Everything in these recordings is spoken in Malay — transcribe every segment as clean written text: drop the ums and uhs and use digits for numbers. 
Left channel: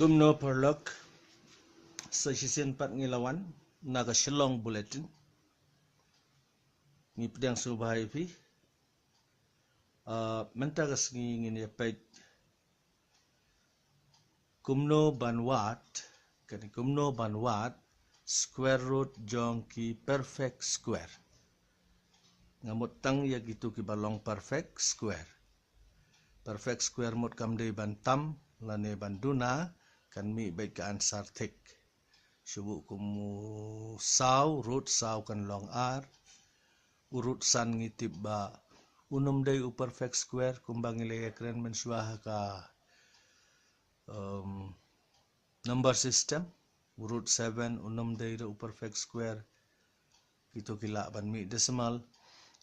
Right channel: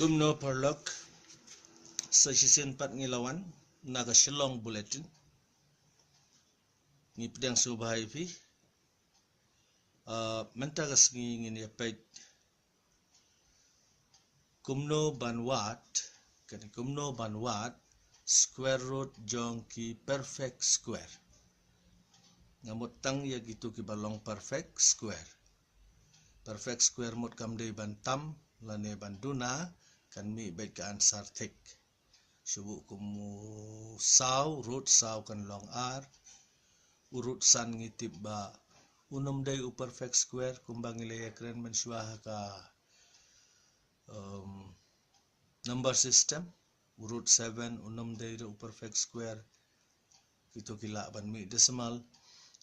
Kumno perlok session 4 ngilawan naga Shillong bulletin ni pedang subhai fi mentagas ngini pet kumno banwat kan kumno banwat square root jong ki perfect square ngamut tang ya gitu ki balong perfect square mut kamde bantam lane banduna kan mi baik ke ansar tek subu kumu saw root saw kan long r urut san ngitip ba unum day u perfect square kumbang ile keren mensuah ka number system urut 7 unum day u perfect square itu kila ban mi decimal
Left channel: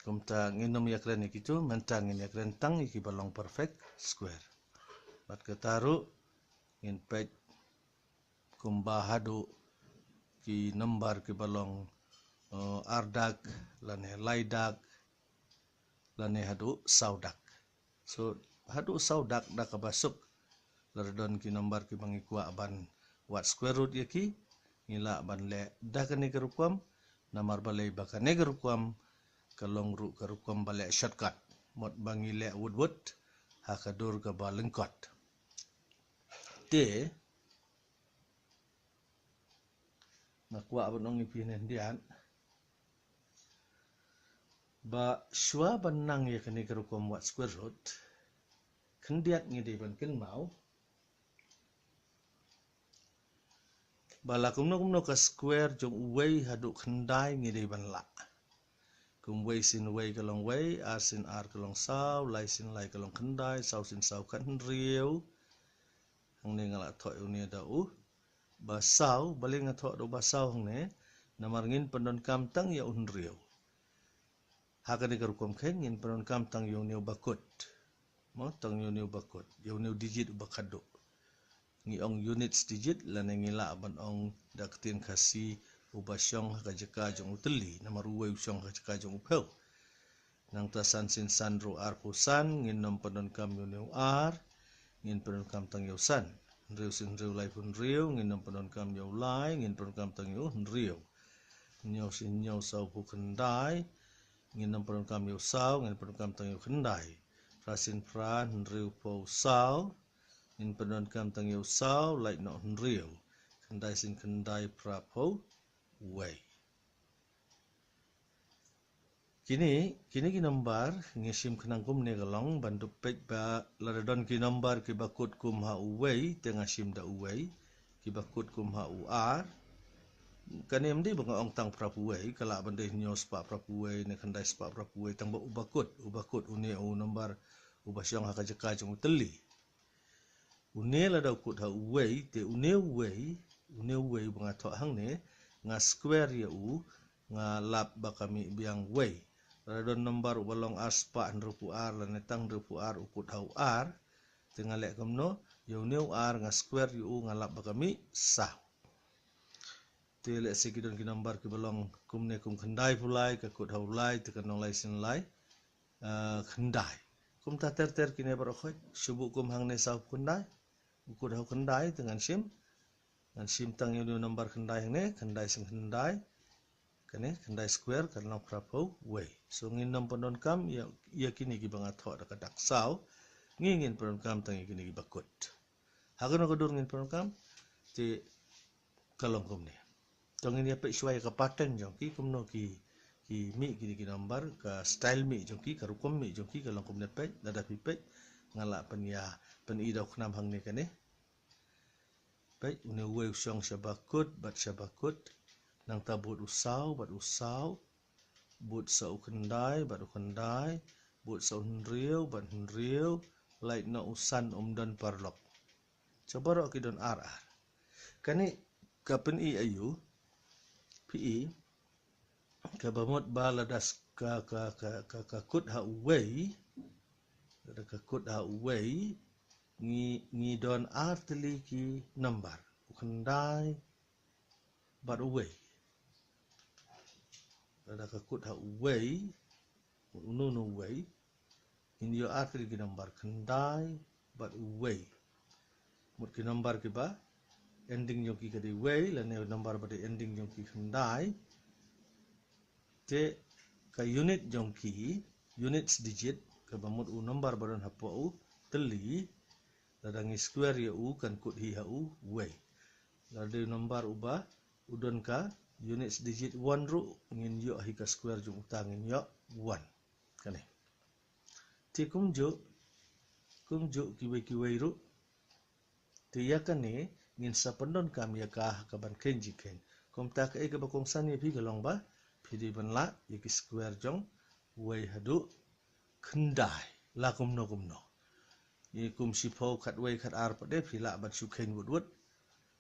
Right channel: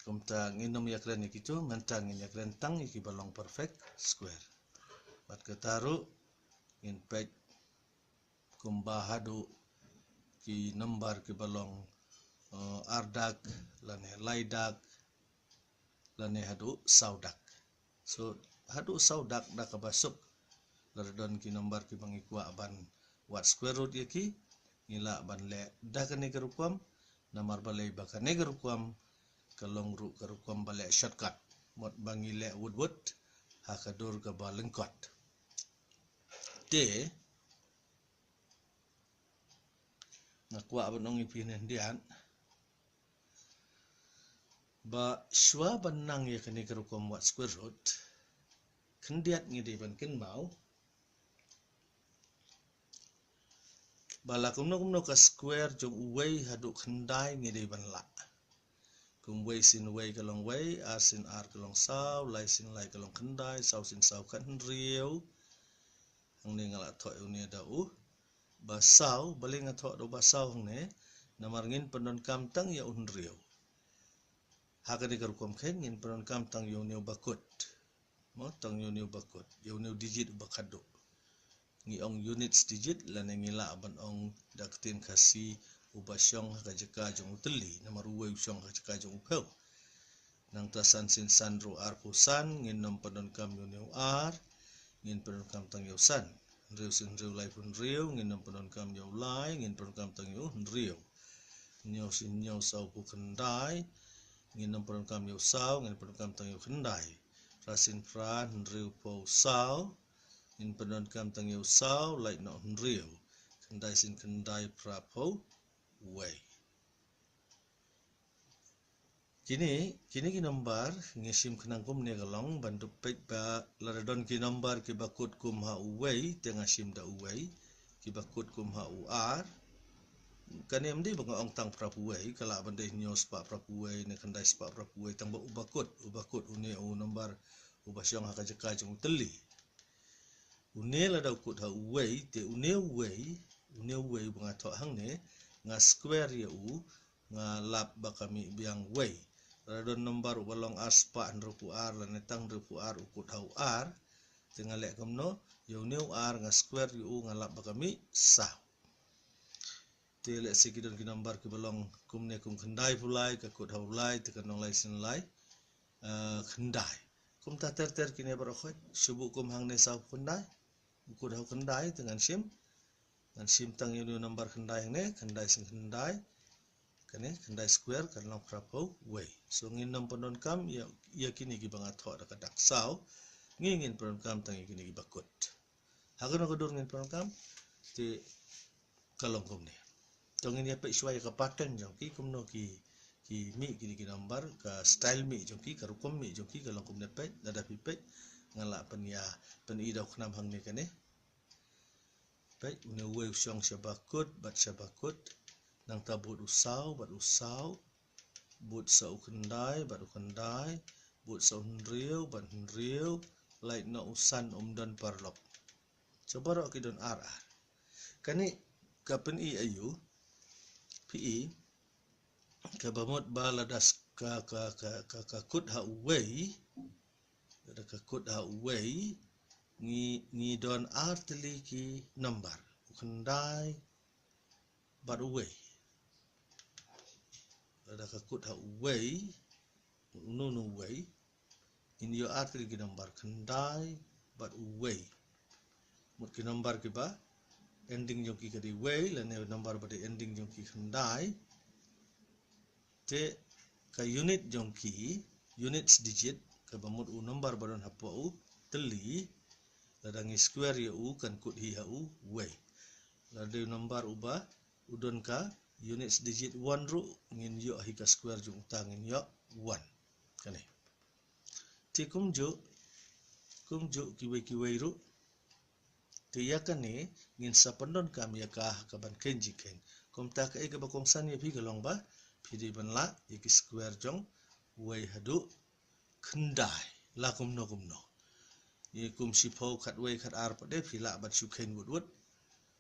kumta nginum ya keren itu mentang ya keren tang iki balong perfect square bat ketaru in pek kumbahadu ki number ki balong ardak lane laidak lane hadu saudak so hadu saudak dak kabasuk lardon ki number ki bangikwa ban wat square root yaki ngila ban le dak ne kerukwam namar balai bakane kerukwam kalong ru kerukwam bale shortcut mot bangile wood hakadur ka balengkot te nakwa banong ipinen dian ba shwa banang ya kene kerukom wat square root kendiat ngide ban ken mau bala kumno ka square jong uwei hadu kendai ngide ban la kum wei sin wei kalong wei r sin r kalong saw lai sin lai kalong kendai saw sin saw kan rieu ang ne ngala tho uni da basaw bali ngatho do basaw ne namar ngin pendon kam tang ya unriu hakani karukom khen ngin pendon kam tang yo neu bakut mo tang yo neu bakut yo neu digit bakado ngi ong units digit lan ngila ban ong daktin khasi ubasyong hakajaka jong uteli namar uwe usyong hakajaka jong upel nang tasan sin sandro r pusan ngin nom pendon kam yo neu r ngin pendon kam tang yo san riu sin riu lai pun riu ngin nom pendon kam yo lai ngin pendon kam tang yo riu nyo sin nyo saw pu kendai ngin nom pendon kam yo saw ngin pendon kam tang yo kendai rasin fran riu po saw ngin pendon kam tang yo saw lai no riu kendai sin kendai pra po wei kini ki number ngisim kenang kum ne galong bandu pek ba ladon ki number ki bakut kum ha uwei tengah sim da uwei ki bakut kum ha ur kanem di bang ong tang prapuwei kala bande nyo spa prapuwei ne kendai spa prapuwei tang ba ubakut une u number ubasyong ha kajaka jong teli une la da kut ha uwei te une uwei bang atho hang ne nga square ya u nga lap bakami biang wei radon number ubalong r spa ndrupu r la netang ndrupu r ukut ha r tengah lek kamno yo neu r nga square yu nga lap bakami sa te lek sekidon ki number ki balong kumne kum kendai pulai ka kut ha ulai te kanong lai sin lai kendai kum ta ter kine barokhoi subu kum hang ne sa kendai ukut ha kendai dengan sim dan sim tang yo neu number kendai hang ne kendai sin kendai kene kendai square kan long prapo wei so ngin nom pendon kam ya kini ki banga tho da kadak saw ngin pendon kam tang kini ki bakut hagen ko dur ngin pendon kam te kalong kum ne tong ini pe shwai ka pattern jong ki kumno ki mi ki number ka style mi jong ki karukom mi jong ki kalong kum ne pe dada pi pe ngala pen i dok nam hang ne kane pe une wei syong syabakut bat syabakut nang tabut usaw bat usaw but sa ukendai bat ukendai but sa hunriu bat hunriu lai na usan umdan parlok coba ro ki don r kani kapen i ayu pi ka bamot baladas ka kut ha uwei da ka kut ha uwei ni don r teli ki number ukendai bat uwei ada kakut ha uwei unu uwei in yo atri ki number kendai bat uwei mut ki number ki ba ending jong ki kadi way la ne number pada ending jong ki khandai te ka unit jong ki units digit ka bamut u number baron hapo u teli la dangi square ya u kan kut hi ha u way la de number uba udon ka units digit 1 ru ngin yo hi ka square jong utang ngin yo 1 kane te kumjo kiwe ru te ya kane ngin sapandon kam ya ka ban kenji ken kom ta ka ke bakong san ye pi galong ba phidi ban la ye ki square jong way hadu khandai la kumno ye kum si phau khat way khat ar pa de phila ban su khen wud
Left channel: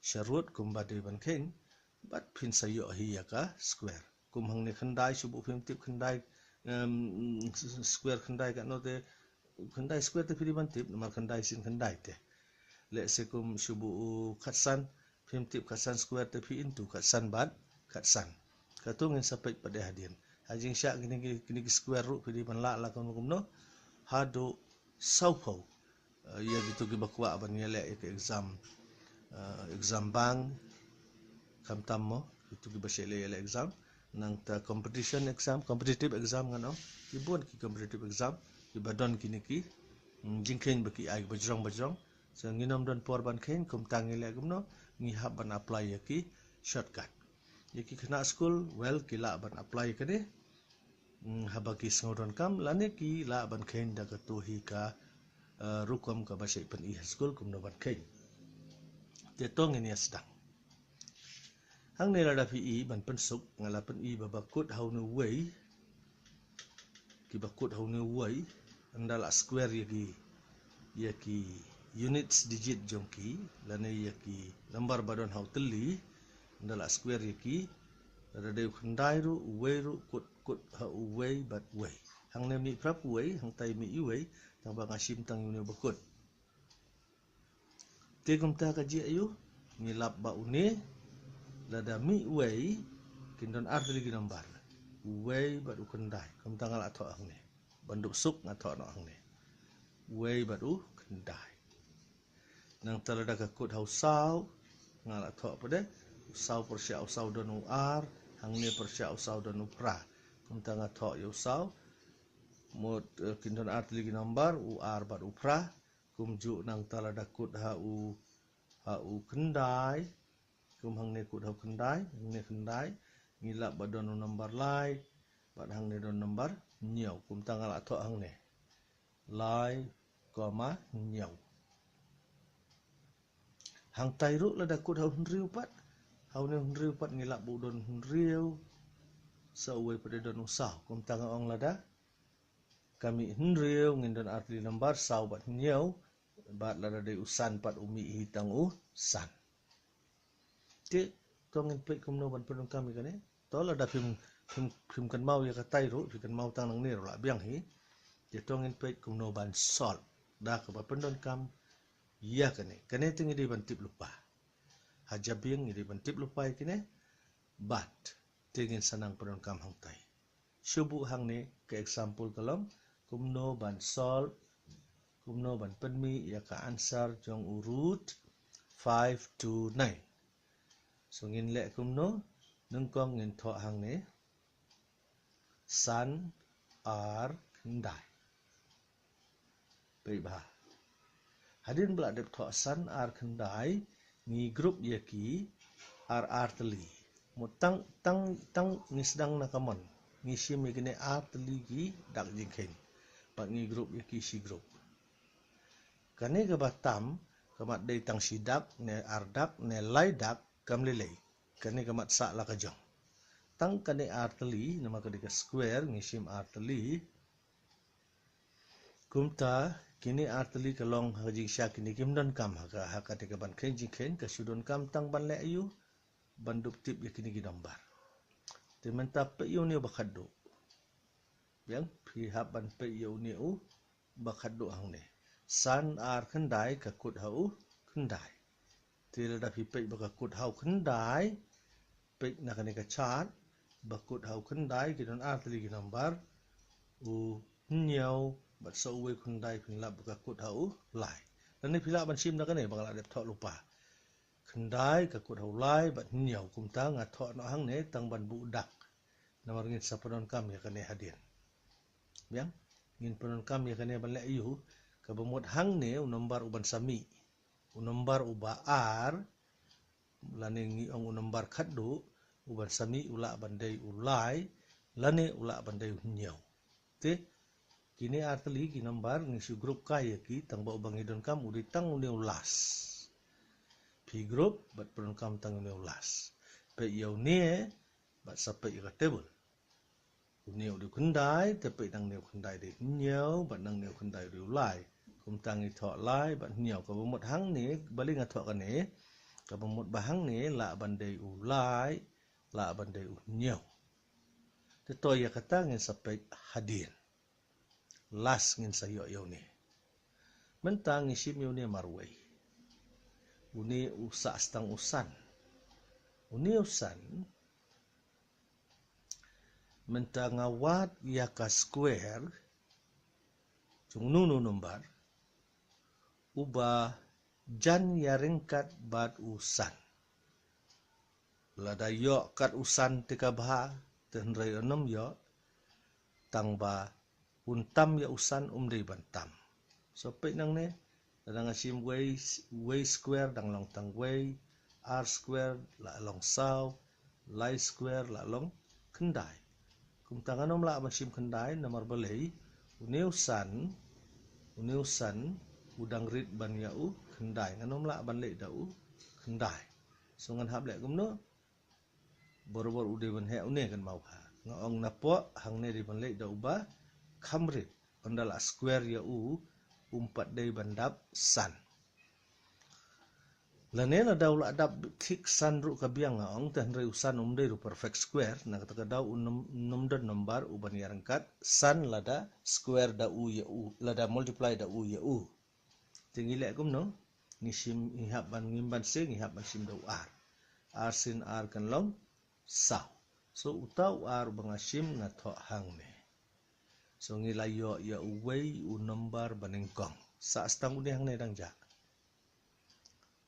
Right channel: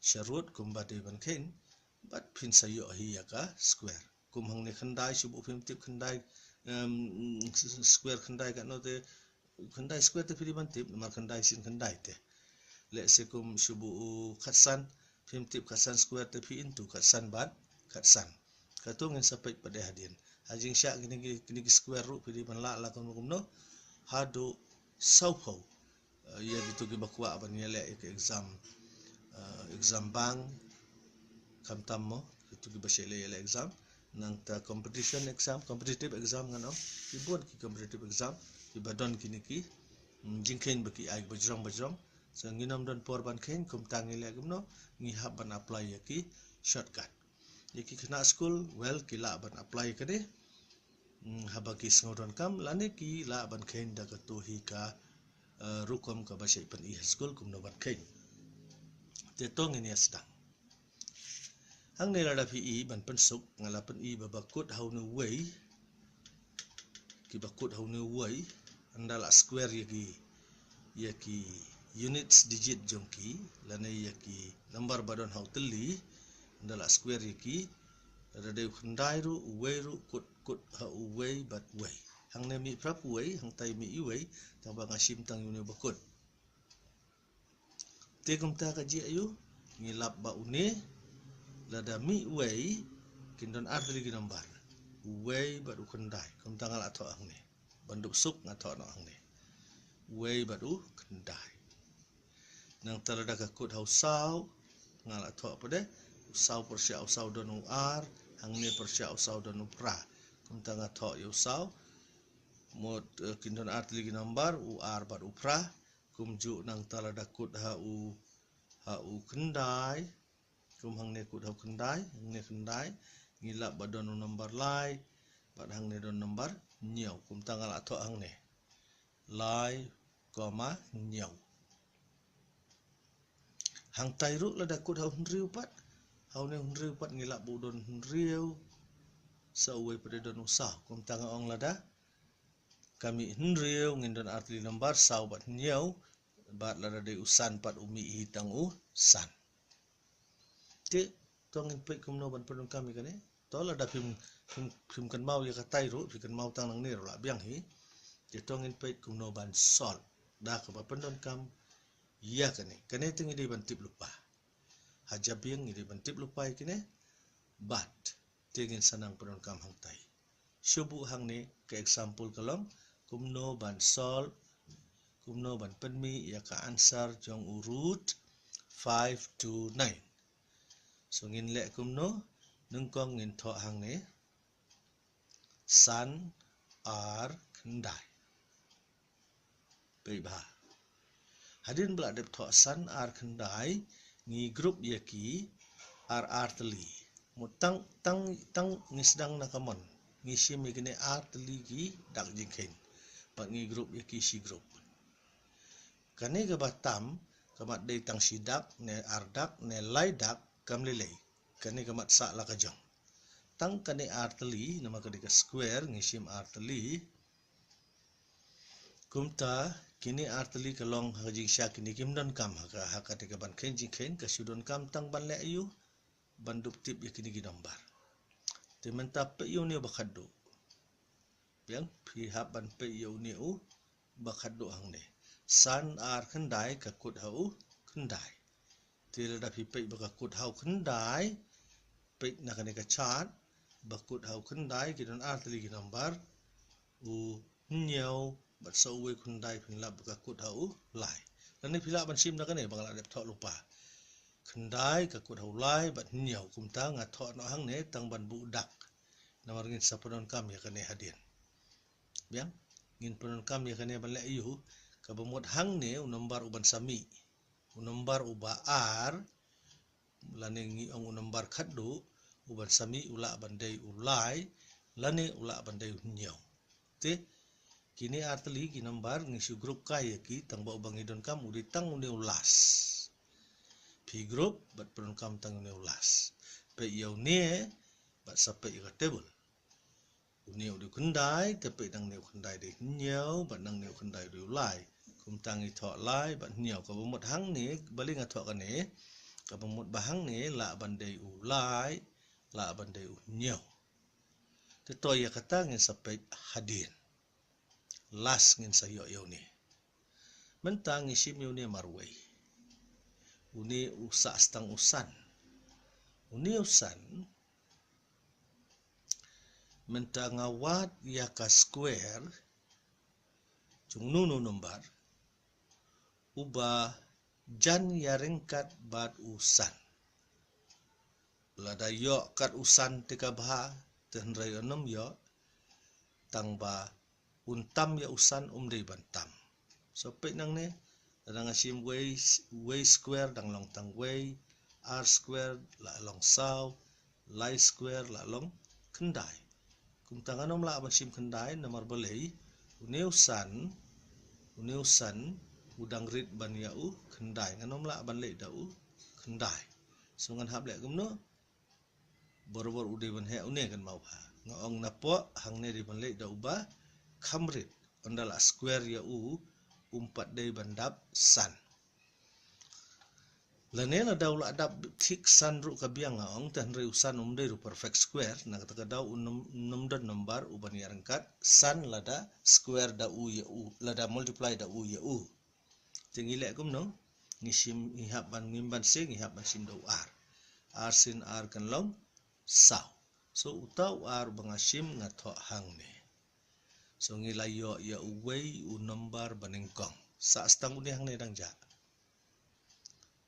sharut kum ba de ban khen bat phin sayo hi ya ka square kum hang ne khandai subu phim tip khandai square khandai ka no te khandai square te phidi ban tip ma khandai sin khandai te le se kum subu khatsan phim tip khatsan square te phi into khatsan bat khatsan ka tu ngin sapet pada hadian hajing syak kini square ru phidi ban la kum no hado saupau ya gitu ki bakwa ban yele ke exam bang kam tammo itu ki basele yele exam nang ta competitive exam ngano ki bon ki competitive exam ki badon kini ki jingken baki ai bajrong so nginom don por ban khen kum tangile gumno ngi hab ban apply ya ki shortcut ki khna school well ki la ban apply kade habaki sngodon kam lane ki la ban khen da ka to hi ka rukom ka basai pan i school kum no ban khen te tong ini sedang hang ne la fi i ban pen suk ngala pen i babakut how no way ki bakut how no way andala square ya ki units digit jongki lane ya ki number badon how teli andala square ya ki rade khandai ru way ru kut ha way but way hang ne mi prap way hang tai mi i way tang ba ngasim tang yu ne bakut ke kum ta ka ji ayu ngilap ba une lada mi way kindon arteli ki number way but khandai kum tangal atho hang ne banduk suk ngatho no hang ne way but khandai nang talada ka kut how saw ngal atho pade saw persya saw don ar hang ne persya saw don pra kum tang atho yu saw mod kindon arteli ki number ar but pra kum ju nang talada kut ha u khandai kum hang ne kut ha khandai hang ne khandai ngilap badon number lai bad hang ne don number nyau kum tangal atho hang ne lai koma nyau hang tai ru la da kut ha hundriu pat hau ne hundriu pat ngilap budon hundriu sa uai pada don usah kum tangal ong lada kami hundriu ngindon artli number sau bat nyau bat lada de usan pat umi hitang san ti tongin pe kum no ban pedon kami kane to lada phim kan mau ya katai ru phim kan mau tang nang ne ru la biang hi ti tongin pe kum no ban sol da ka ba pendon kam ya kane tingi di ban tip lupa hajabing di ban tip lupa kine bat tingin sanang pendon kam hang tai subu hang ne ke example kalom kum no ban sol kum no ban penmi ya ka answer jong urut 5 to 9 so ngin le kum no nung kong ngin tho hang ne san ar khandai pe ba hadin bla dep tho san ar khandai ngi group ya ki ar teli mutang ngi sedang nakamon ngi simi kene ar teli ki dak jingkhen pa ngi group ya ki si group kane ga batam kamat dei tang sidak ne ardak ne laidak kamlelei kane kamat sa la ka jong tang kane arteli nama ka dika square ngisim arteli kumta kini arteli kalong haji sya kini kimdon kam haka dika ban khenji khen ka sudon kam tang ban le ayu bandup tip ya kini ginombar te mentap pe yu ne bakhaddo yang phi haban pe yu ne u bakhaddo hang ne san ar khandai ka kut hau khandai tila da phi pe baka kut hau khandai pe na kane ka chat bakut hau khandai ki don arteli ki number u nyau bat so we khandai phin lab baka kut hau lai dan ni phila ban sim na kane bangla dep tho lupa kendai ka kut haulai bat nyau kum ta nga tho no hang ne tang ban bu dak namar ngin sapanon kam ya kane hadien biang ngin panon kam ya kane ban le yu ka bamot hang ne unombar uban sami unombar uba ar lane ngi ong unombar khaddu uban sami ula bandai ulai lane ula bandai nyau te kini artli ki nombar ngisi grup kaya ki tang ba ubang idon kam udi tang uni ulas pi grup bat panon kam tang uni ulas pe yau ne bat sape ika table uni udi kendai tepe nang neu kendai de nyau bat nang neu kendai de ulai kum tang i tho lai bat nyau ka bamot hang ne baling a tho ka ne ka bamot bahang ne la bandai ulai la bandai nyau te to ya kata ngin sape hadin las ngin sayo yau ni mentang isim yau ni marwai uni usa stang usan uni usan mentang awat ya ka square chung nu nombar uba jan ya ringkat bat usan lada yo kat usan tika bha ten rai onom yo tang ba untam ya usan umri bantam so pe nang ne dang asim way square dang long tang way r square la long saw lai square la long kendai kum tang anom la asim kendai nomor balei uneusan udang rit ban ya u kendai nganom la ban le da u kendai so ngan hab le kum no bor ude ban he une kan mau ha ngong na po hang ne di ban le da uba khamrit ondala square ya u umpat dei bandap san lane na daula adap thik san ru ka biang ngong tan re usan dei ru perfect square na kata daw nomdon nombar uban yarangkat san lada square da u ya u lada multiply da u ya u tingile kum no ngisim ngihap ban ngimban se ngihap ban sim daw r sin r kan long saw so utau ar bangasim ngatho hang ne so ngilayo ya uwei u nombar banengkong sa stang uni hang ne dang ja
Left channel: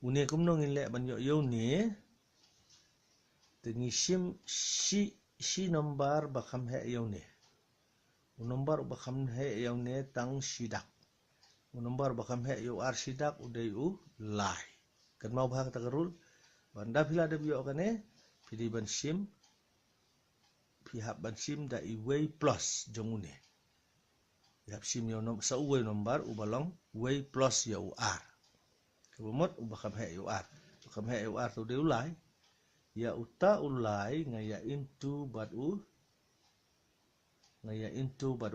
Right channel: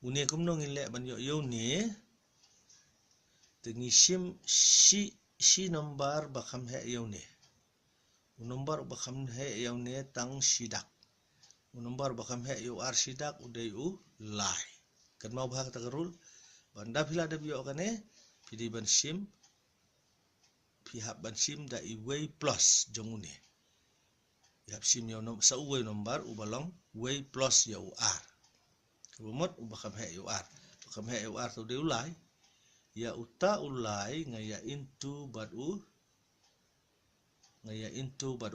uni kum no ngile ban yo ni tingisim si nombar bakham he yo ne u nombar bakham he yo ne tang sidak u nombar bakham he yo ar sidak udai u lai kan mau bahak takarul banda phila de yo kane pidi ban sim pihak ban sim da iwei plus jongune yap sim yo nom sa uwei nombar ubalong way plus ya u r kebomot ubakam he u r bakam he u r tu de ulai ya uta ulai ngaya into bad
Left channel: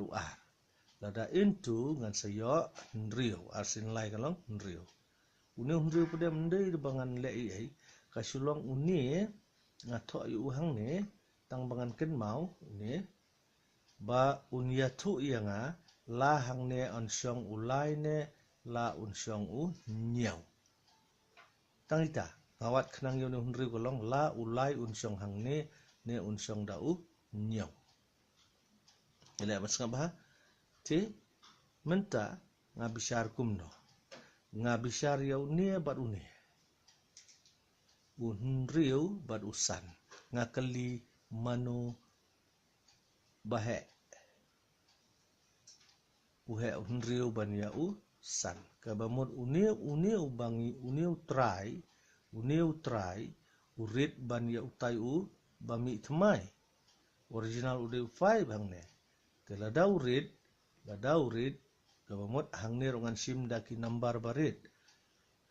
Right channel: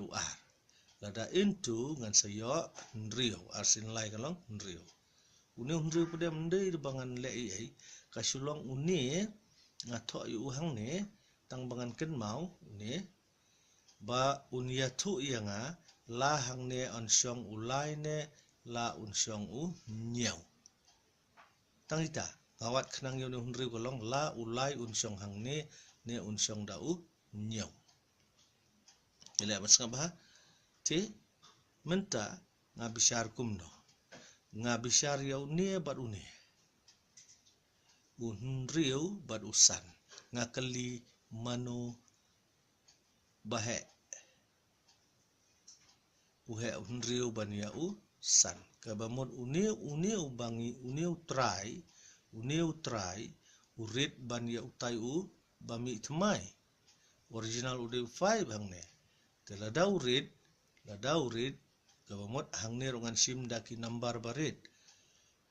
u r lada into ngan sayo nrio arsin lai kalong nrio une nrio pede mende bangan le ai kasulong une ngatho yu hang ne tang bangan ken mau une ba unya thu yanga la hang ne on syong ulai ne la un syong u nyau tang ita ngawat khnang yo ne hunri kolong la ulai un syong hang ne un syong da u nyau ele mas ngabha ti menta ngabishar kumno ngabishar yau ne bat une unriu bat usan ngakali mano bahe uhe unriu ban ya u san kabamot une ubangi une try urit ban ya utai u bami thmai original ude 5 hangne tela daurit kabamot hangne rongan sim daki number barit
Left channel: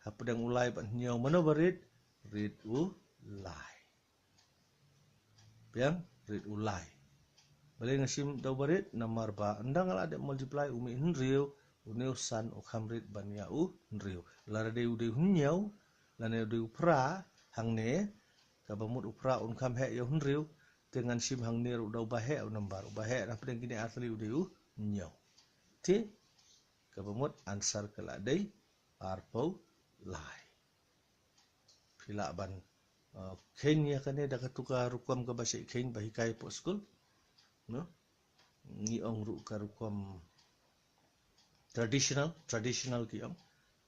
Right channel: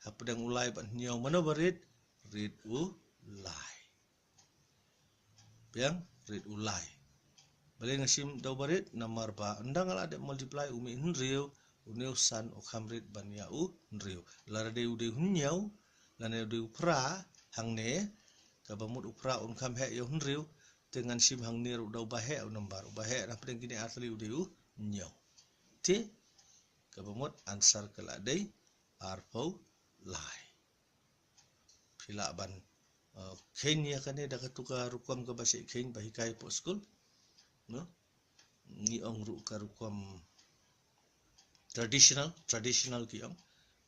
hapdang ulai ban nyau mano barit rit u lai piang rit u lai balik ngasim daw barit namar ba ndang ala de multiply umi nriu uneu san o khamrit ban ya u nriu lara de ude hunyau lane ude upra hangne kabamut upra un kham he yo nriu dengan sim hangne ru daw bahe u nambar bahe na pedeng kini asli ude u nyau ti kabamut answer kala dei arpo lai phila ban Kenya kane da katuka rukom ka basi Kenya bahikai po school no ni ong ru ka rukom traditional ki ong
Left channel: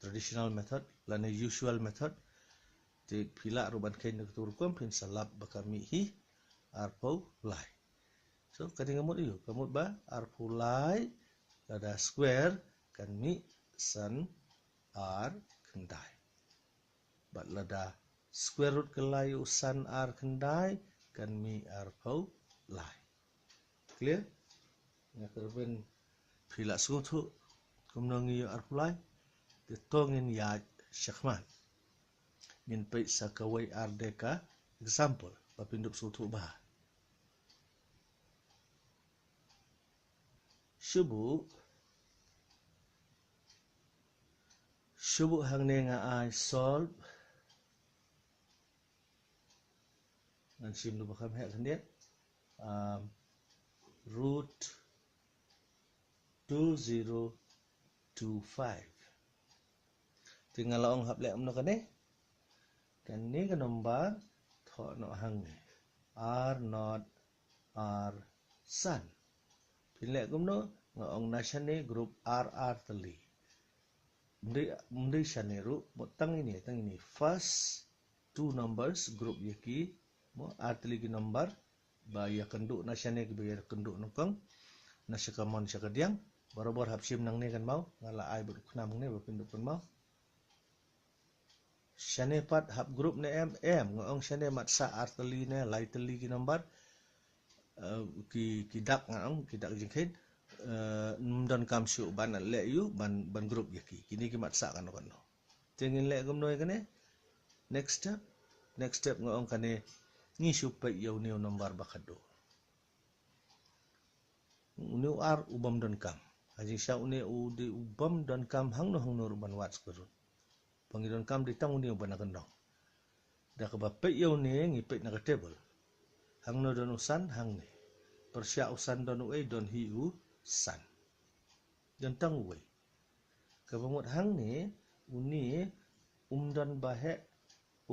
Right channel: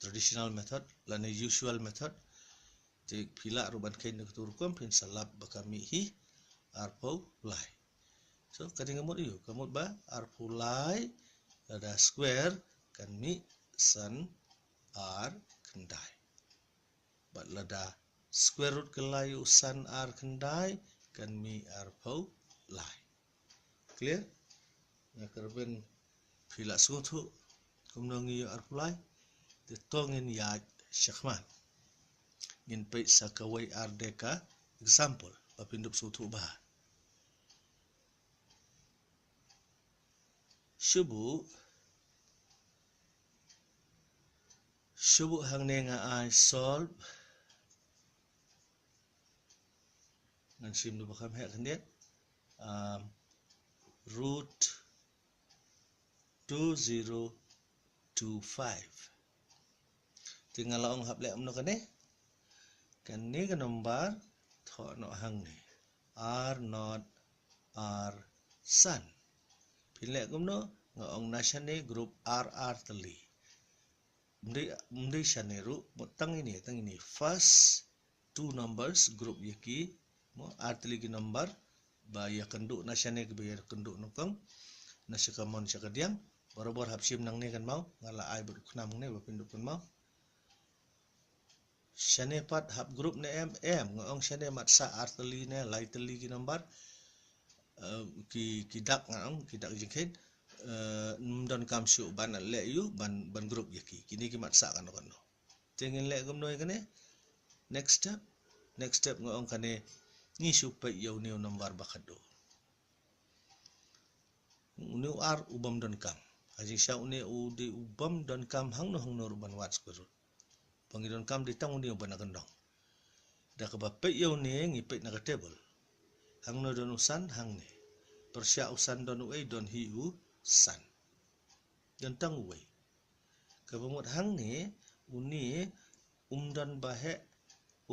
traditional method lane usual method Tik pila ruban kain nak turkum pin salap bakami hi arpau lai. So kani ngamut iyo, kamut ba arpau lai ada square kan mi san ar kendai. Bat lada square root kelai san ar kendai kan mi arpau lai. Clear? Nak kerben pila sutu kumnong iyo arpau lai. Ditongin ya syakman. Ngin peit sakawai ardeka example papindup sutu bah. Syubu hang ne nga ai solve ngan sim du bakam hek hendet root 2025 tinggal ong hap lek umno kane kan ni kan nombar tho no hang ni r not r san pilek kumno ngong nasane group r teli mendai shaneru tang ini first two numbers group yaki mo r teli ki number ba ya kenduk nasane ke bayar kenduk nokong nasyakamon syakadiang barabor hapsim nang ni kan mau ngala ai ber knam ni bapinduk kan mau shane pat hap group ne m ngong shane mat sa r teli ne lai teli ki number ki dak ngong ki dak jingkhin dan kam syu ban le yu ban group yaki kini ki mat sa kan no tingin le gum noi kane next step ngong kane ni supaya yau ni number bakado uni ar ubam dan kam aji sya uni udi ubam dan kam hang no ban wat square root pangidon kam ditang uni ban agendong dak ba pe yau ni ngi pe na table hang no don usan hang ni persya usan don uai don hi u san dan tang uai kabamut hang ni uni umdan bahe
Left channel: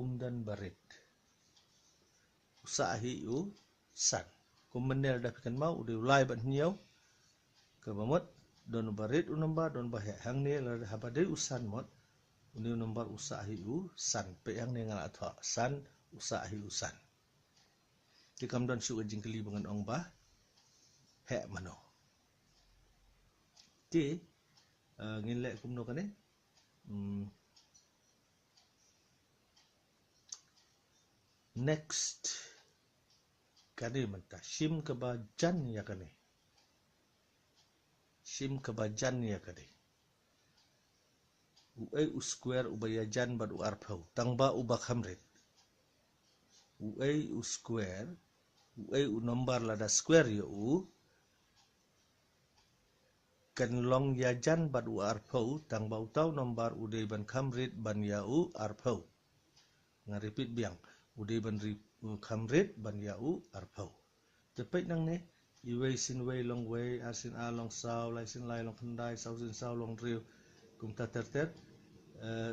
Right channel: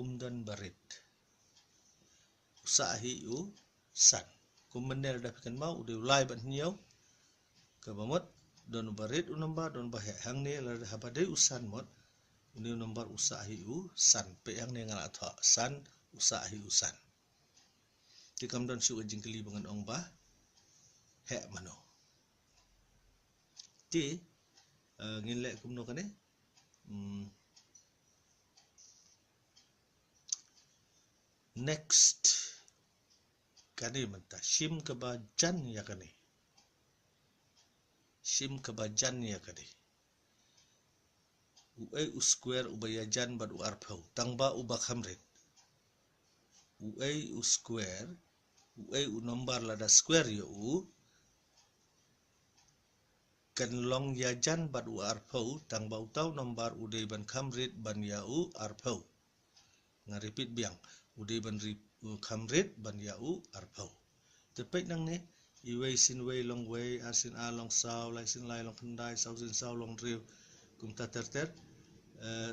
umdan barit usahi u san kumenel dah kan mau udah ulai ban hiau kabamut don barit unamba don bahe hang ni la habade usan mot uni number usahi u san pe hang ni ngala tha san usahi usan tikam don syu jingkeli bangan ong ba he mano ti ngin lek kumno kane next kani menta sim kebajan ya kani sim kebajan ya kani uai u square ubayajan bad u arpau tangba ubak hamrit uai u square uai u number lada square ya u kan long yajan bad u arpau tangba utau number udai ban hamrit ban ya u arpau nga repeat biang udai ban kamrit ban ya u arpau tepek nang ni iwei sin wei long wei asin a long sau lai sin lai long kendai sau sin sau long riu kum ta ter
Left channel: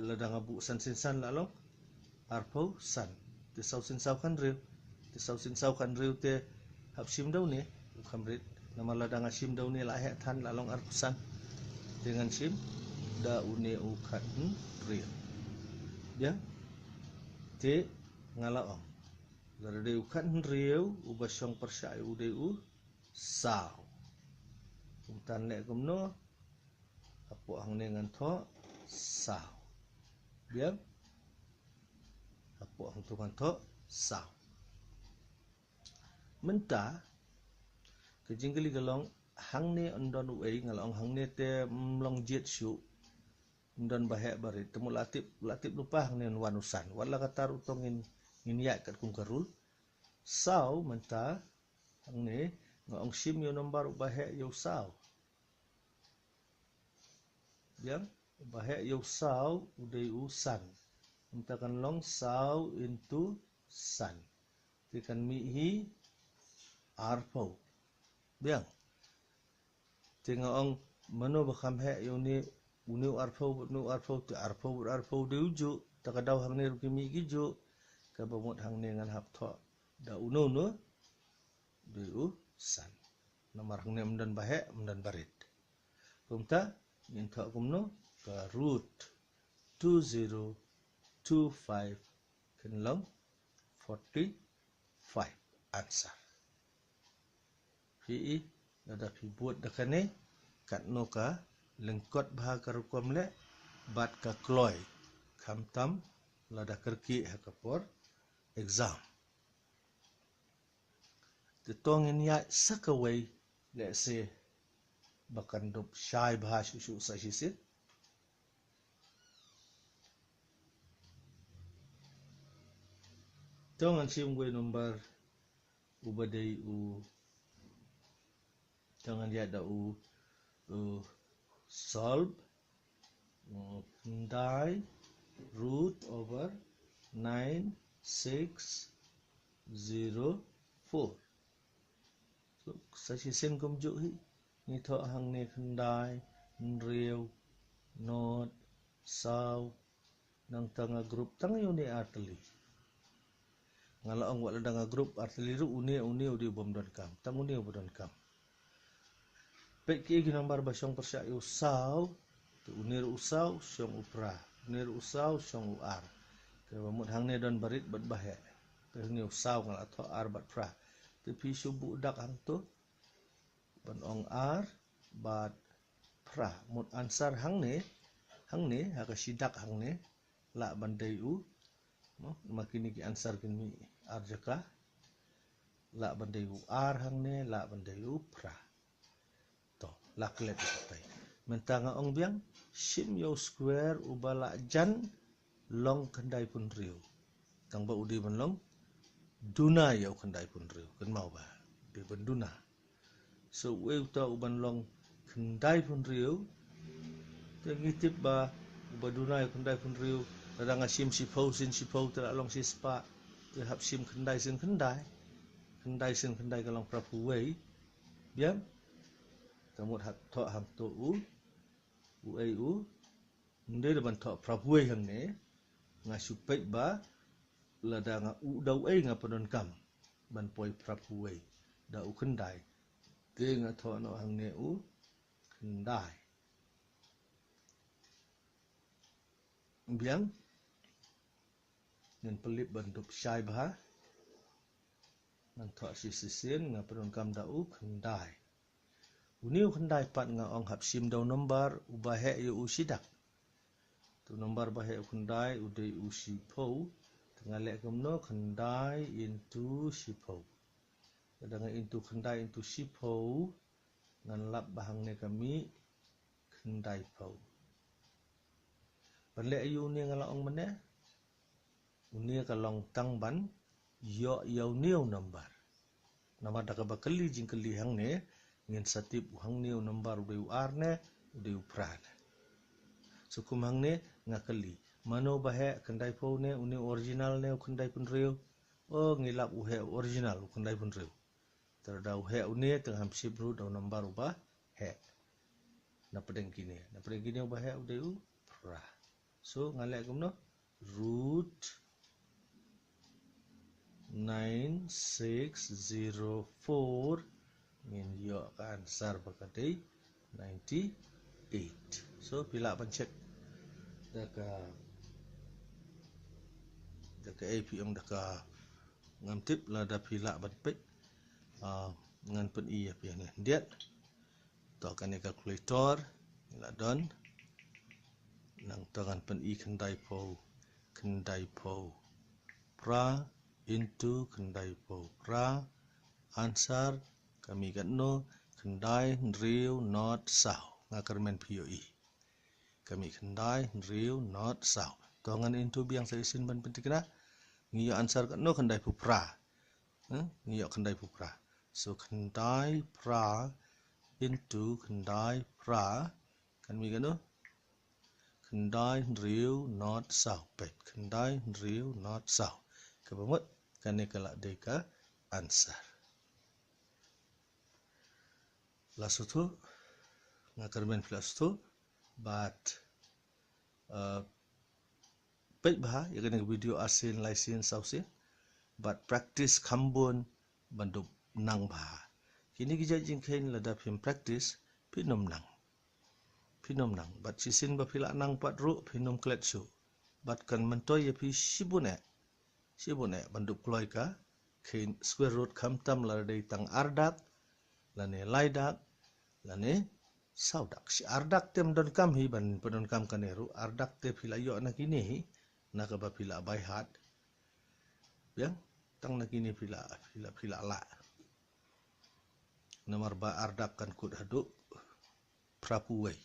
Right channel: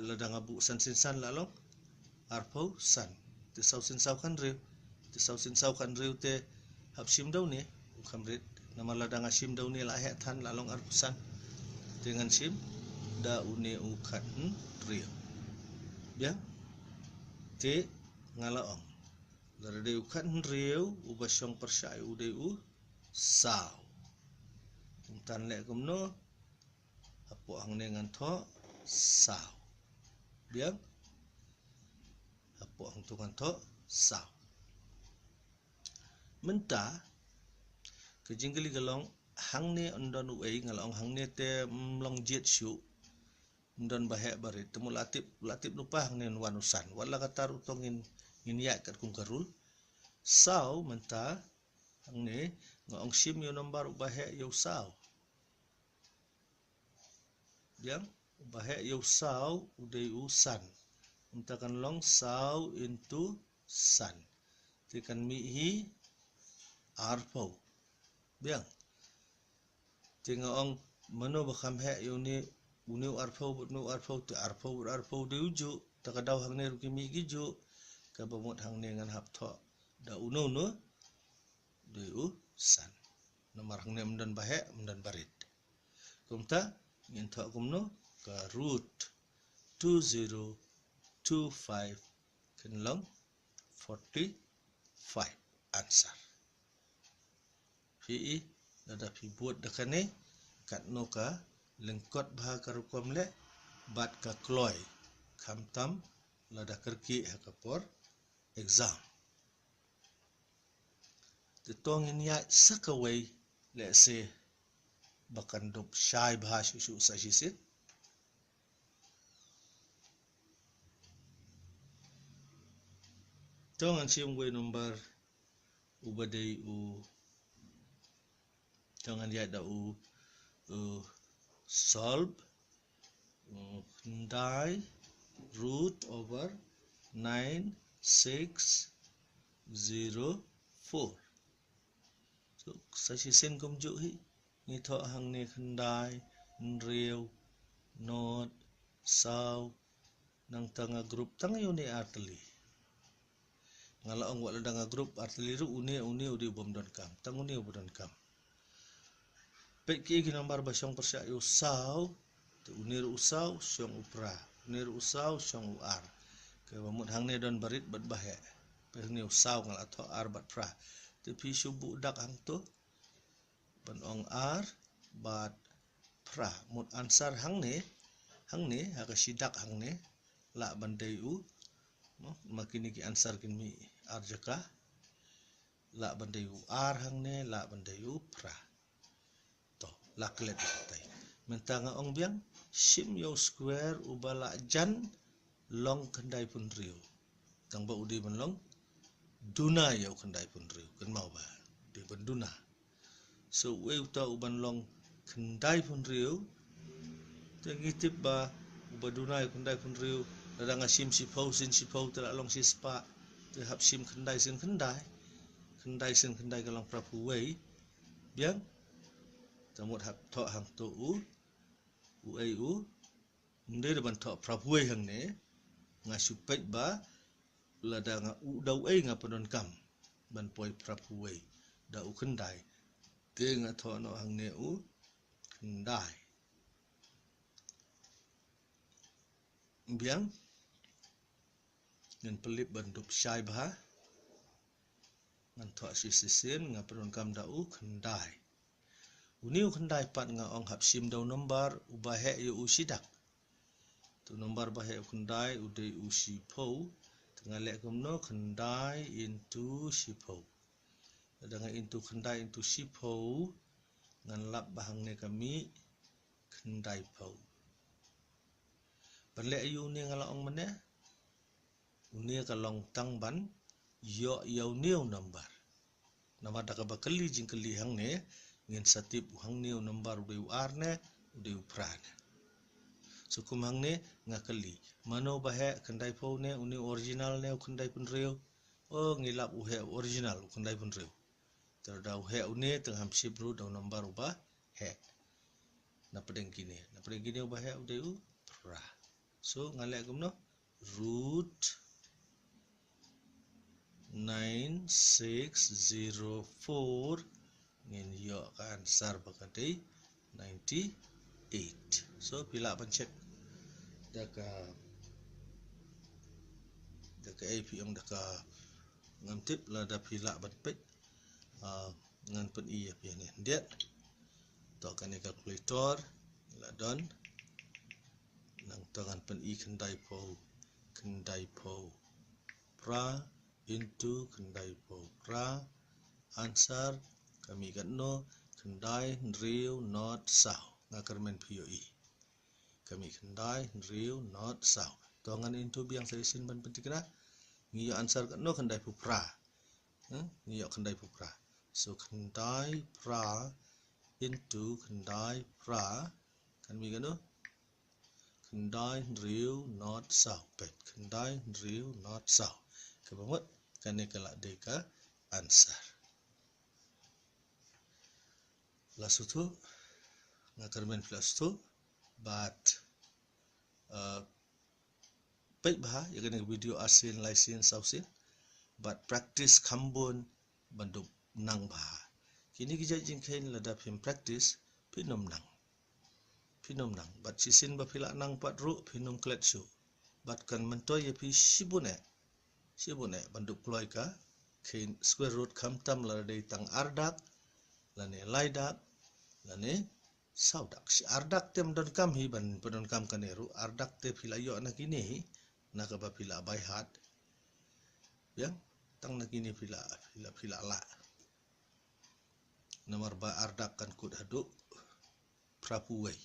ladang abu san sin san la long arpau san te sau sin sau kan riu te sau sin sau kan riu te hap sim dau ni kamrit nama ladang asim dau ni la he than la long arpau san dengan sim da une u khat riu biang te ngala ong Dari ukat riu ubasong persai udai u sao. Umtan lek kumno apo hang dengan tho sao. Biang apo hang tu kan tho sao. Menta kejingkeli galong hang ne ondon uai ngalong hang ne te mlong jet syu ndon bahek barit temu latip lupa hang ne wanusan wala katar utongin nginiat kat kum karul sau menta hang ne ngong sim yo nombar bahek yo sau biang bahek yo sau udai usan menta kan long sau into san tikan mi hi arpau biang tingong mano bakam he yo ni unu arpau te arpau de uju takadaw hang ne rukimi giju kabamut hang ne ngan hap tho da uno no de u san nomor hang ne mdan bahe mdan barit kumta ngin tho kumno ka root 2025 kenlong 45 answer. Pi nada pi buat dakane kat no ka lengkot bah karukom le bat ka kloy kamtam lada kerki hakapor exam. Tetong in ya sakaway let's say bakan dop syai bah susu sa sisit. Tongan siung way number ubadai u jangan dia ada solve ndai root over 9604. So sashi sen komjuk hi ni tho hang ne khandai nriu not sau nang tanga group tang uni arteli ngala ong wala danga group arteli ru uni udi bom don kam tang uni bodon kam pe ki number ba syong persya usau tu unir usau syong upra unir usau syong uar ke bamut hang ne don barit bat bahe pe ni usau ngal atho ar bat pra te pi subu dak hang tu ban ong ar bat pra mut ansar hang ne ha ka sidak hang ne la bandai u no makini ki ansar kin mi ar jaka la bandai u ar hang ne la bandai u pra laklet tai mentanga ong biang sim yo square ubala jan long khandai pun riu tang ba udi ban long duna yo khandai pun riu kan mau ba be ban duna so we uta uban long khandai pun riu tengitip ba ubaduna khandai pun riu dadang sim sipau sin sipau ter long sispa te hap sim khandai sin khandai kalong prapu wei biang tamut hak tho hang tu u ai u nde de ban tho prapuai hang ne nga supet ba lada nga u dau ai nga padon kam ban poi prapuai da u khandai te nga tho no hang ne u khandai biang ngan pelip ban dup syai ba ngan tho sisisen nga padon kam da u khandai uniu khandai pat nga ong hap sim dau number ubahe yu usidak tu number bahe khandai udai usipau tengale komno khandai into sipau dadang into khandai into sipau ngan lap bahang ne kami khandai pau banle yu ni ngala ong mane uni kalong tang ban yo niu number nama daka bakali jingkali hang ne ngin satip hang niu number udai ar ne udai pra ne so kum hang ne ngakali mano bahe khandai pau ne uni original ne khandai pun riu o ngilap uhe original khandai pun riu terda uhe uni teng ham sip ru dau number uba he na pedeng kini uba he udai pra so ngale kumno root 9604 ngin yo ka ansar bakadai 98 so pila ban check daka APM daka ngantip la da pila ban pet ngan pen i api ne diet to kan calculator la don nang tangan pen i khandai pau pra into khandai pau pra answer kami kan no khandai riu not sao ngakarmen POE kami khandai riu not sao tongan into biang saisin ban pentikna ngiyo answer kan no khandai pu pra ngiyo khandai pu pra so khandai pra into khandai pra kami kan no khandai riu not sao pet khandai riu not sao kabamut kani kala deka answer plus tu ngakarmen plus tu but pet bah ya kan video asin laisin sausin but practice khambon bandup nang bah kini gija jingkhain lada phim practice pinom nang but sisin ba phila nang pat ru phinom klet su but kan mentoy ya pi sibune sibuk nek bandu ploy ka kin square root kam tam la dei tang ardak lane laidak lane saudak si ardak tem don kam hi ban pedon kam kaneru ardak te phila yo na kini hi na ka ba phila by heart yang tang na kini phila la nomor ba ardak kan kut haduk prapuwei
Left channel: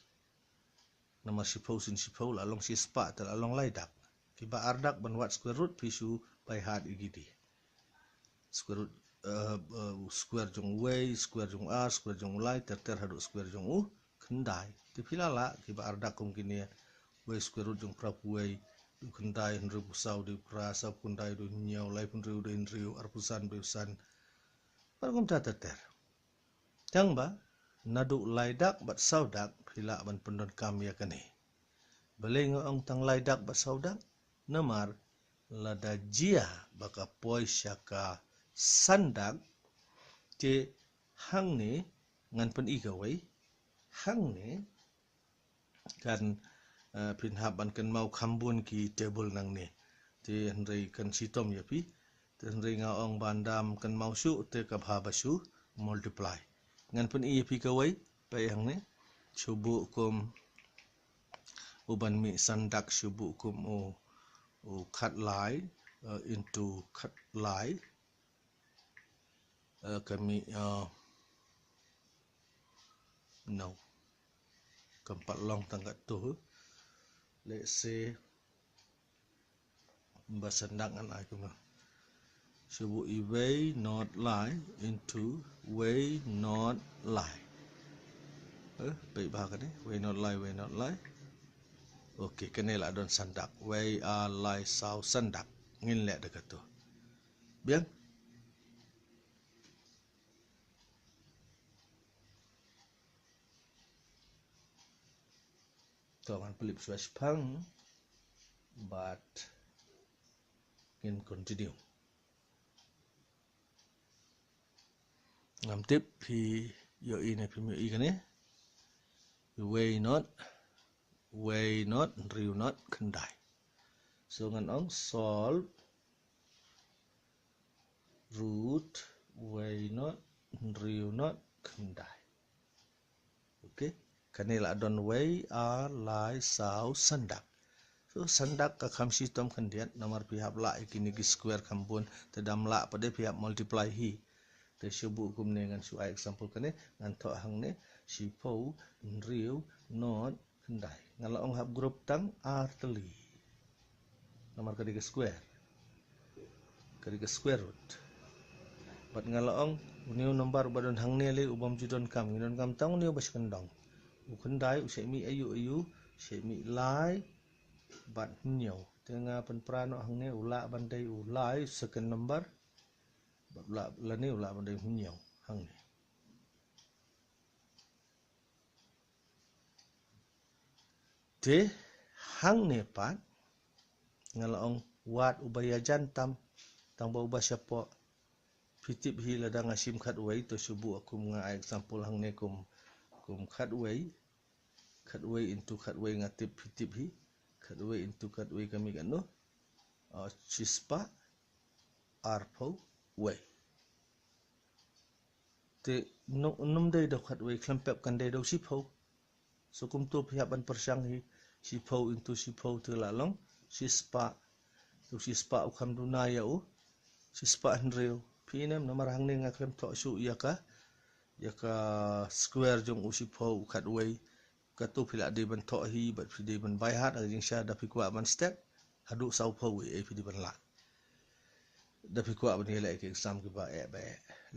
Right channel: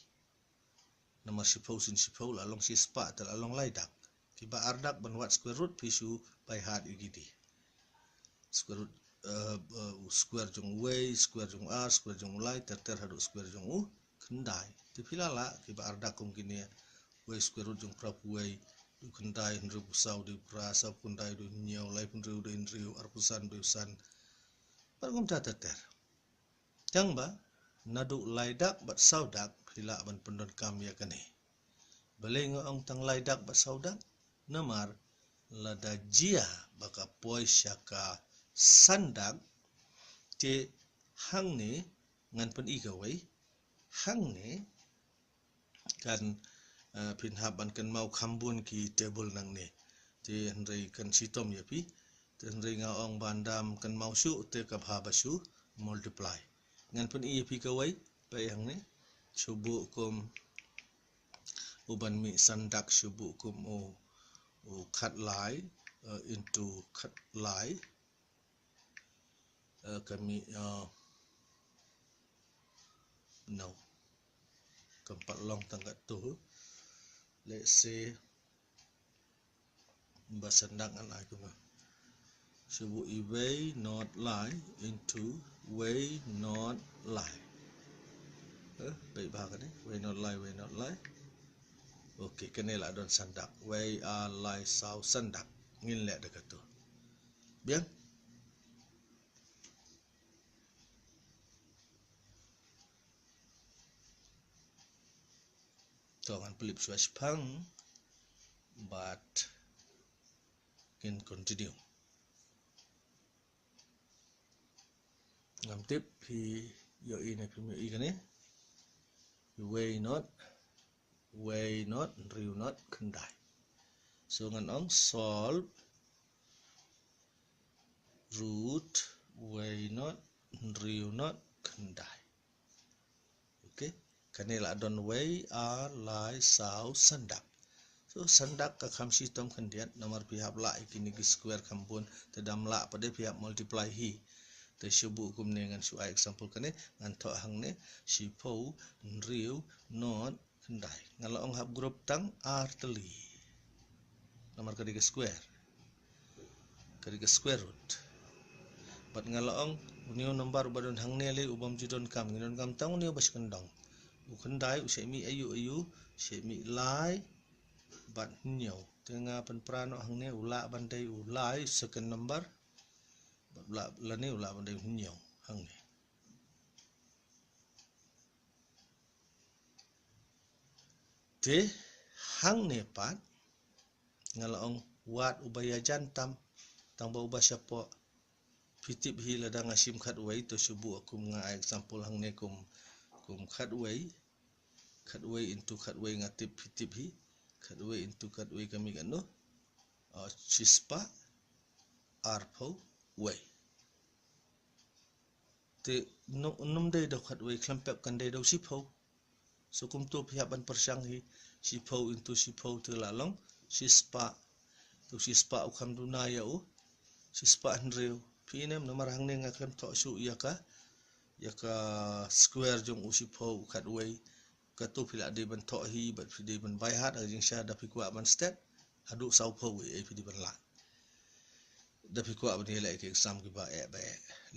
nomor sipau sin sipau la long si spa tal along laidak kiba ardak ban wat square root pisu by heart igidi square root square jong way square jong r square jong lai ter haduk square jong u kendai ti phila la kiba ardak kum kini way square root jong prapuwei du kendai henru pusau du prasa kundai du nyau lai pun riu du riu arpusan du san pargum ta ter Tang ba nadu laidak bat saudak phila ban pendon kam ya kane belengo ong tang laidak bat saudak namar lada jia baka poi syaka sandak te hang ni ngan pen igawai hang ni kan pinhaban kan mau khambun ki table nang ni te hendrai kan sitom ya pi te hendrai ngaong bandam kan mau su te kabha basu multiply ngan pun ia pi kawai payang ni subu kum uban mi sandak subu kum o cut line into cut line kami no keempat long tangkat tu let's say basandak an aku mah subu way not line into way not line baik bahkan ni way not line okey kenela don sandak way line sau sandak ngin lek dekat tu bien Tuan pelip switch pang but can continue ngam tip pi yo ini pi mi ikane way not riu not kendai so ngan ong solve root way not riu not kendai okay kanila don way lai sau sandak so sandak ka khamsi tom khandiat nomor pihak la ikini ki square kampun tedam la pada pihak multiply hi te subu kum ne ngan su example kane ngan tho hang ne sipo riu not kendai ngala ong hab group tang r teli nomor kadi ke square root bat ngala ong uniu nomor badon hang ne le ubam judon kam ngidon kam tang uniu bas kendong u kendai u semi ayu semi lai bat nyau tengah pen prano hang ne ula bandai ulai second number la ni ula bandai nyau hang ni te hang ne pat ngala ong wat ubaya jantam tang ba ubah syapo pitip hi ladang asim khat wai to subu akum nga example hang ne kum khat wai into khat wai ngatip pitip hi khat wai into khat wai kami kanu chispa arpo wai te num dei do khat wai klempep kan dei do sipo so kum tu pihak ban persang hi sipo into sipo te lalong chispa tu chispa ukam duna ya u chispa hendreu pinem nomor hang ne ngaklem tho su yaka square jong usipo khat wai katu phila de ban tho hi bat phide ban bai hat ajing sha da phikwa ban step hadu sau pho e phidi ban la da phikwa ban hele ke exam ki ba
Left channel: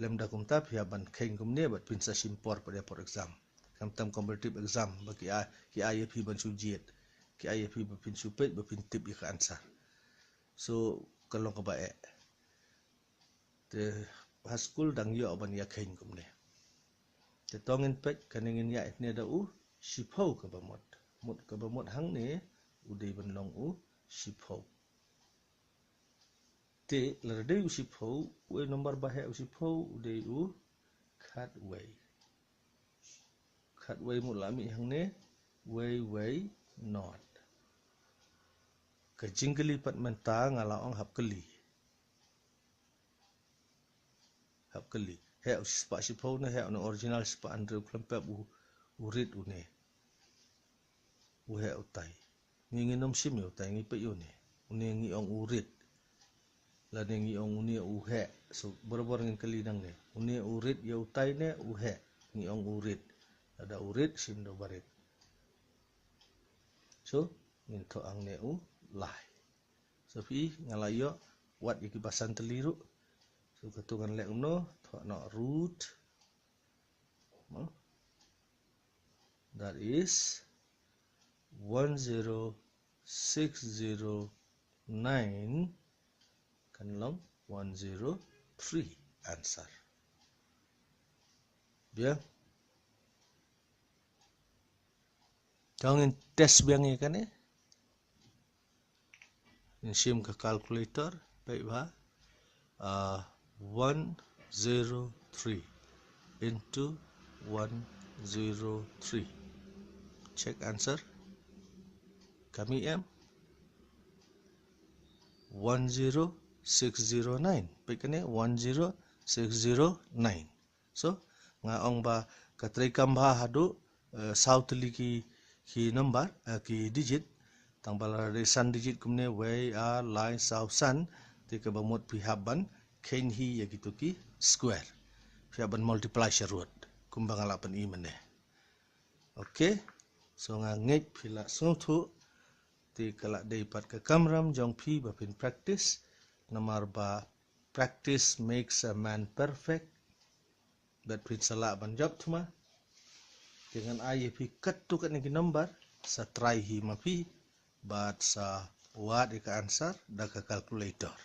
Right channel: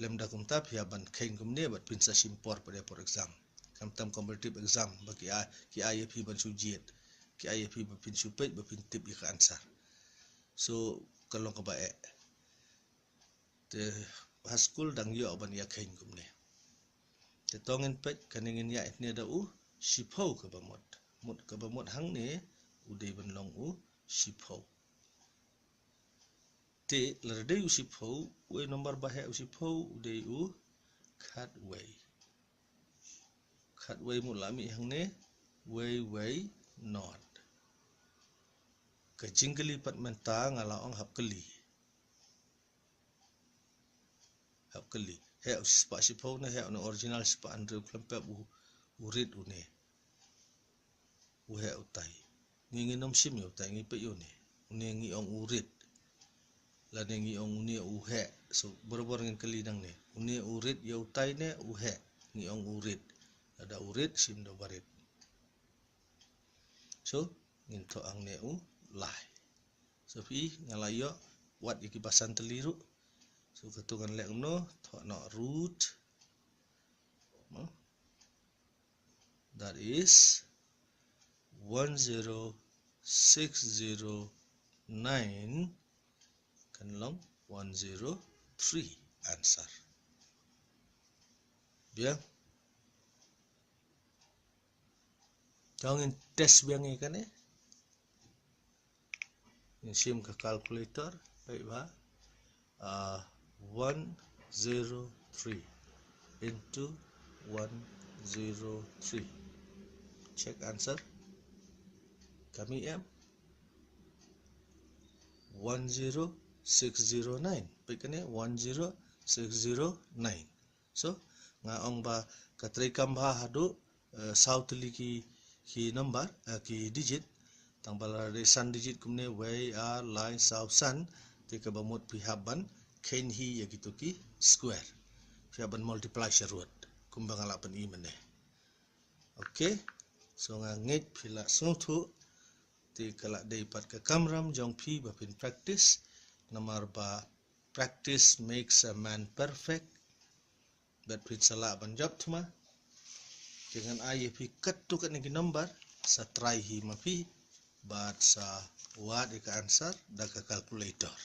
lem da kum ta phia ban khain kum ne bat pin sa sim por exam kam tam competitive exam ba ki a phi ban su jet ki a phi ba pin su pet ba pin tip ka answer so kalong ka ba te haskul dang yo ban ya khain kum ne te tongin pet kaningin ya ne da u sipau ka ba mot hang ne u dei ban long u sipau te lerde u sipau we nomor bahe u sipau u dei u khat wai mu lami hang ne way not ka jingli pat menta ngala ong hap keli kali he sepak sipau ne he no original sepak Andrew klempep urit une he utai ngi nom sim yo utai ngi pe yo ne une ngi ong urit la ne ngi ong une he so bor ngin kali nang ne une urit yo utai ne he ngi ong urit ada urit sim do barit so ngin to ang ne lai so pi ngalayo wat iki basan teliru so ketungan lek no to no root that is 10609 kan long 103 answer bien jangan test biang ni kan sim ke calculator baik ba 103 into 103 check answer kami 10609 baik kan 10609 so ngaong ba katrai kamba hadu south liki ki number ki digit tang bala de san digit kumne way a line south san te ka bamot pihaban kain hi ya gitu ki square pihaban multiply sharut kumbang ala pen i mene okay so ngait pila sotu ti kala dei pat ka kamram jong pi ba pin practice namar ba practice makes a man perfect bet pin sala ban job thuma dengan ai pi kat tu kat ni number sa try hi ma pi bat sa wat ika answer da ka calculator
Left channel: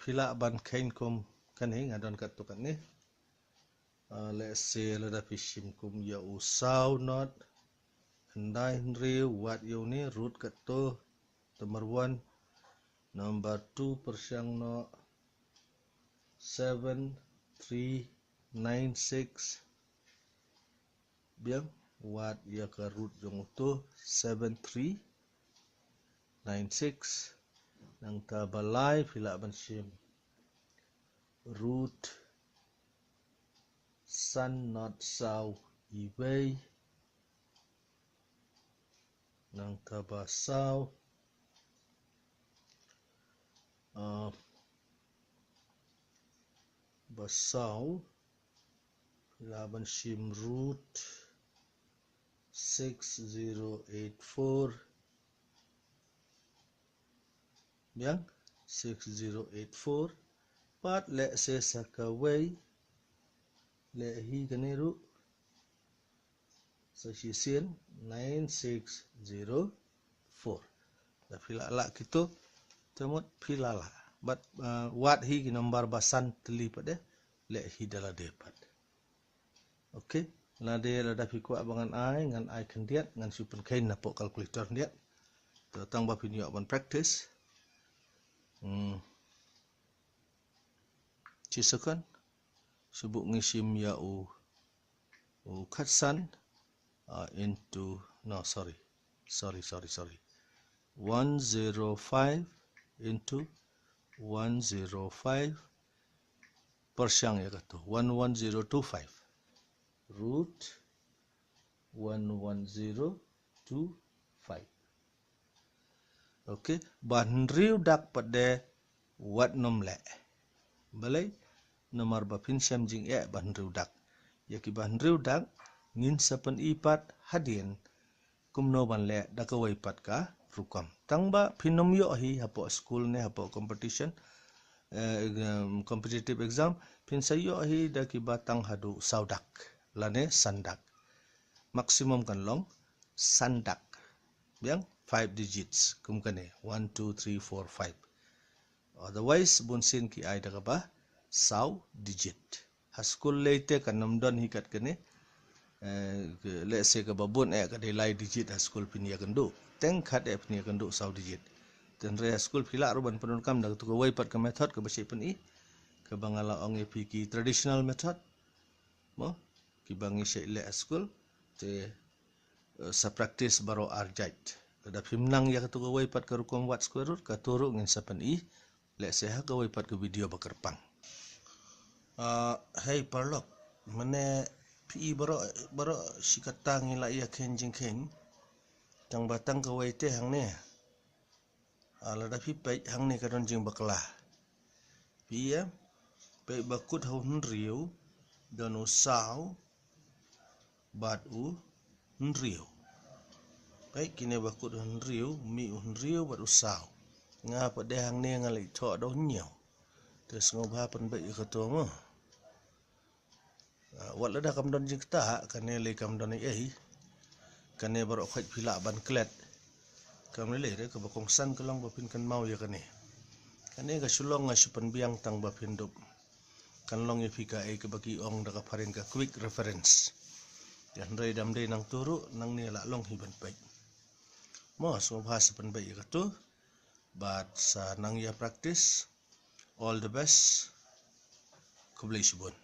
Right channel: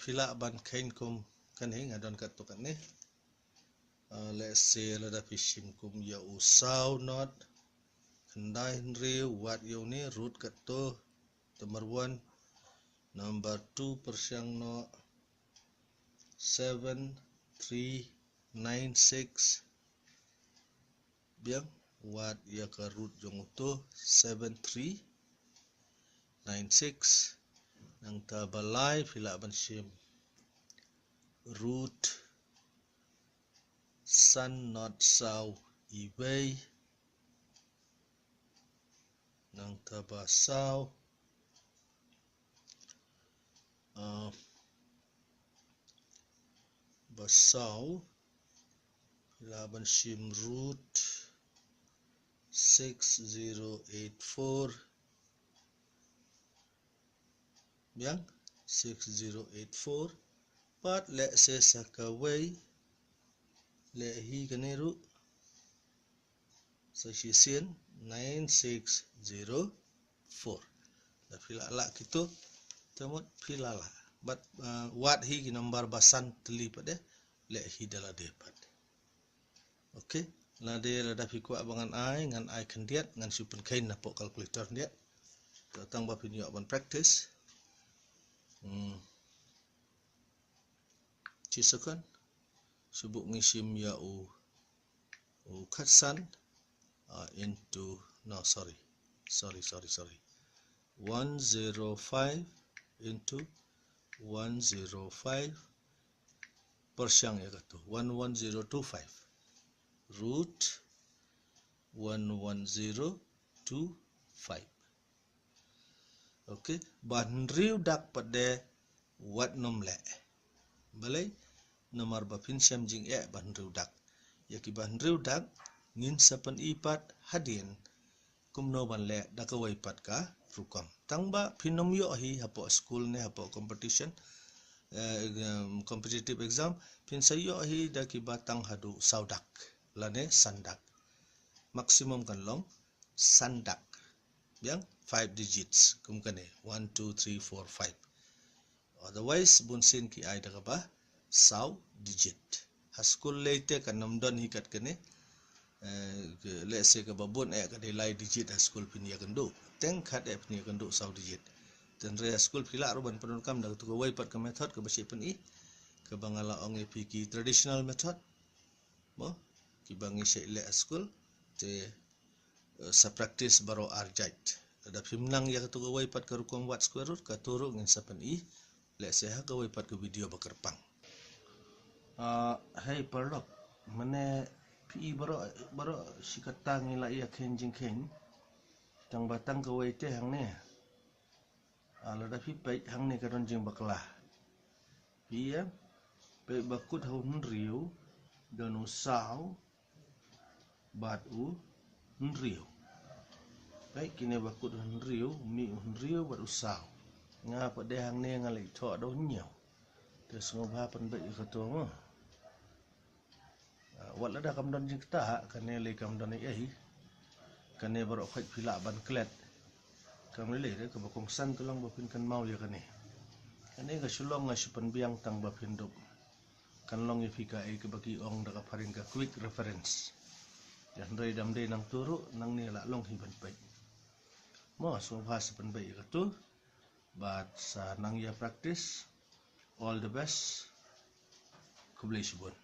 pila ban kain kum kan hi ngadon kat tu kat ni let's say la da pi sim kum ya usau not kendai real what you ni root kat tu number 1 number 2 persiang no 7396 biang what ya ka root jong tu 7396 nang ta balai pila ban sim root sun not sau iway nang ta ba sau basau pila ban sim root 6084 biang 6084 pat le se sakaway le hi kaneru sa sisian 9604 da pila la kito temot pila la but what hi ki number basan teli pade le hi dala depat okay la de la da fikwa bangan ai ngan ai kandiat ngan super kain na po calculator dia tang ba pinyo ban practice cisakan subuk ngisim ya u katsan into no sorry 105 into 105 persiang ya kata 11025 root 11025 okay banriu dak pada wat nomle balai nomor bapin samjing banriu dak ya ki banriu dak ngin sapan ipat hadien kumno ban le dakawai pat ka rukam tangba phinom yo hi hapo school ne hapo competition competitive exam phin sayo hi daki batang hadu saudak lane sandak maximum kan long sandak biang 5 digits kum kane 1 2 3 4 5 otherwise bunsin ki ai daga ba sau digit ha school leite kan namdon hi kat kane let's say ka babon ka delay digit ha school pin ya kendo teng khat ni kendo sau digit ten re school phila roban penun kam dak tu wai pat ka method ka basi pen i ka bangala ong epi ki traditional method mo ki bangi se le school te sa practice baro arjait da phimnang ya tu wai pat ka rukom wat square root ka turu ngin sa pen i let's say ha ka wai pat ka video bakar pang Hey Parlok, mana pi baro sikatang ila ia kenjing tang batang kawai te hang ne. Lada pi pai hang ne karon jing bakla. Pi ya, pai bakut hau riu dan usau bat riu. Pai kini bakut riu, mi riu bat usau. Nga pa de hang ne ngalai tho do nyau. Terus ngobha pan bai ikato mo. Wala dah kam don jing ta kane le kam don ai kane baro khaj phila ban klet kam le re ka bakong san ko lang bapin kan mau ya kane ga sulong nga supan biang tang bapin dup kan long ye fika ai ka baki ong da ka parin ka quick reference yan dai dam dai nang turu nang ne la long hi ban pai mo so bhas pan bai ka tu but sa nang ya practice all the best kublai subon.